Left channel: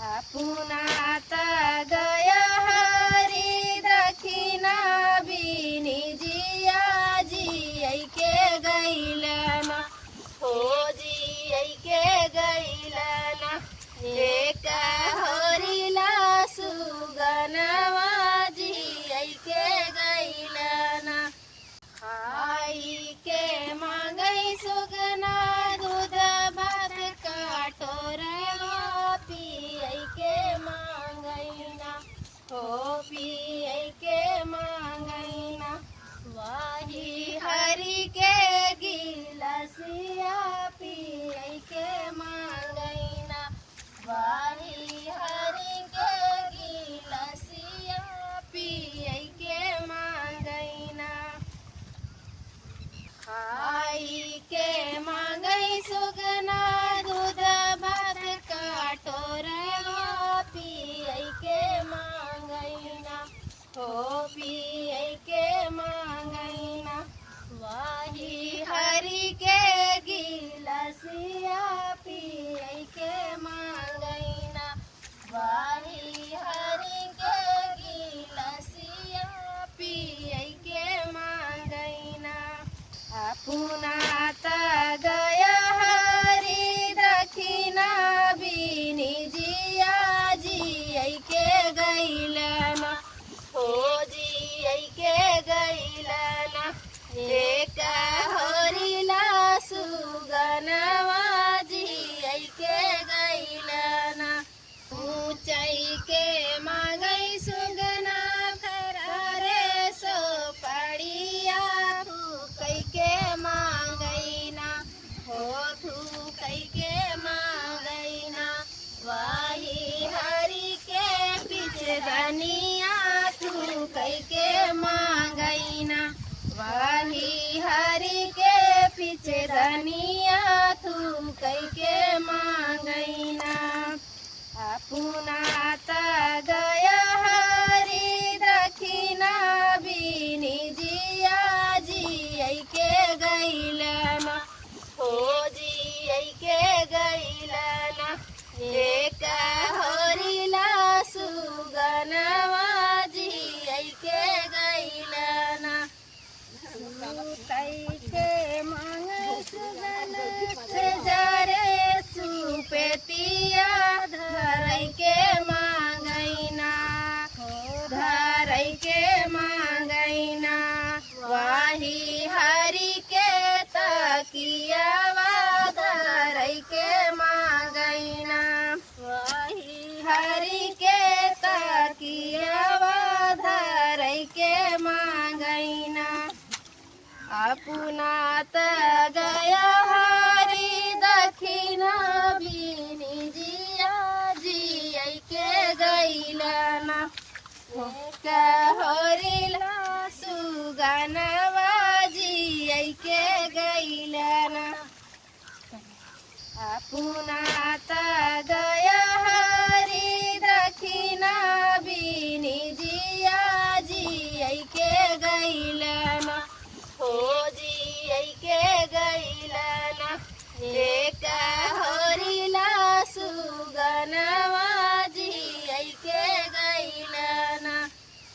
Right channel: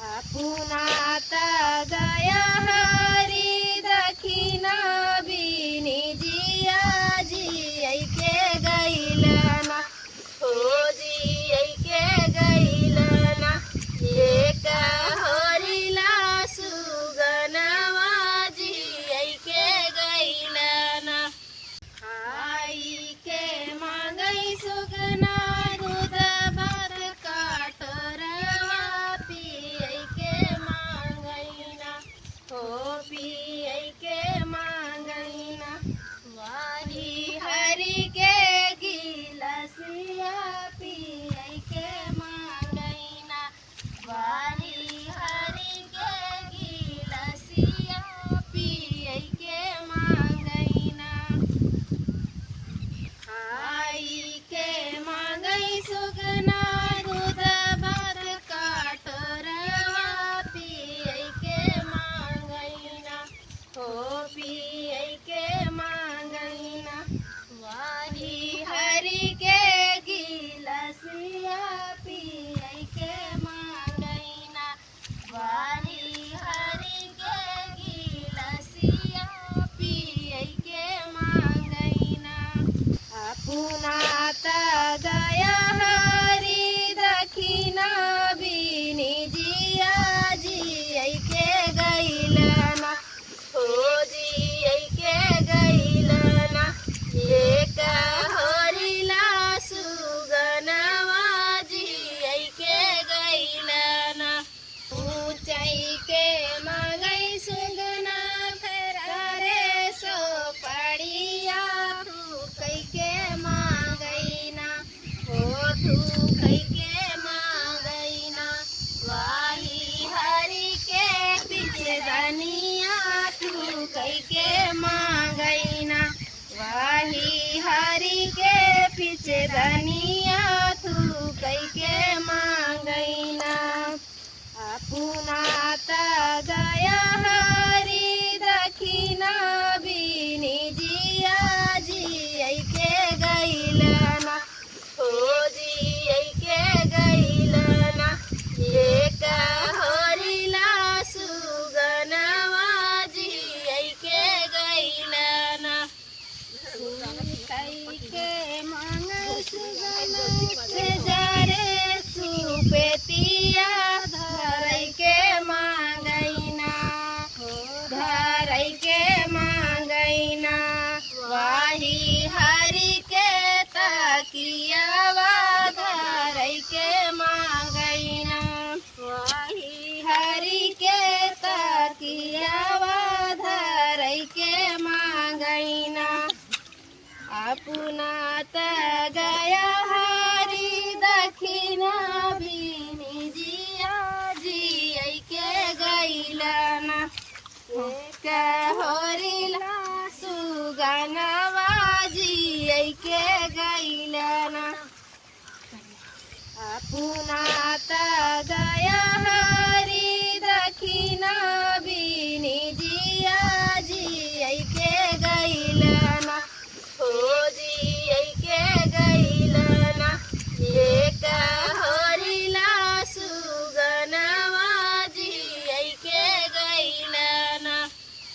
पुनाता गया हरी दखिना बिनी जिया जी के गैलना हो जी के गैलना एक होरिला सुगनवा जी के गैलना खाई के मांगई सुगना दूध भात काटोरवा पियई के मांगईना हो पियई के मांगईना वाही हरि के गिलसिया पियई के मांगईना वाही हरि के गिलसिया पियई के मांगईना खाई के मांगई सुगना दूध भात काटोरवा पियई के मांगईना हो पियई के मांगईना वाही हरि के गिलसिया पियई के मांगईना वाही हरि के गिलसिया पियई के मांगईना पुनाता गया हरी दखिना बिनी जिया जी के गैलना हो जी के गैलना एक होरिला सुगनवा जी के गैलना ऊंचाई के मांगई सुगना रे सो पड़िया कई के मांगईना हो कई के मांगईना वाही हरि के पीछे धनिया कई के मांगईना वाही हरि के पीछे धनिया कई के मांगईना पुनाता गया हरी दखिना बिनी जिया जी के गैलना हो जी के गैलना एक होरिला सुगनवा जी के गैलना कई के मांग सुगना से जरे सुपेतिया धरई के मांगईना धरई के मांगईना वाही हरि के तकियावा धरई के मांगईना वाही हरि के तकियावा धरई के मांगईना पुनात गया हरी दखिना बिनी जिया जी के गैलना एक होरिला सुगनवा जी के गैलना पुनाता गया हरी दखिना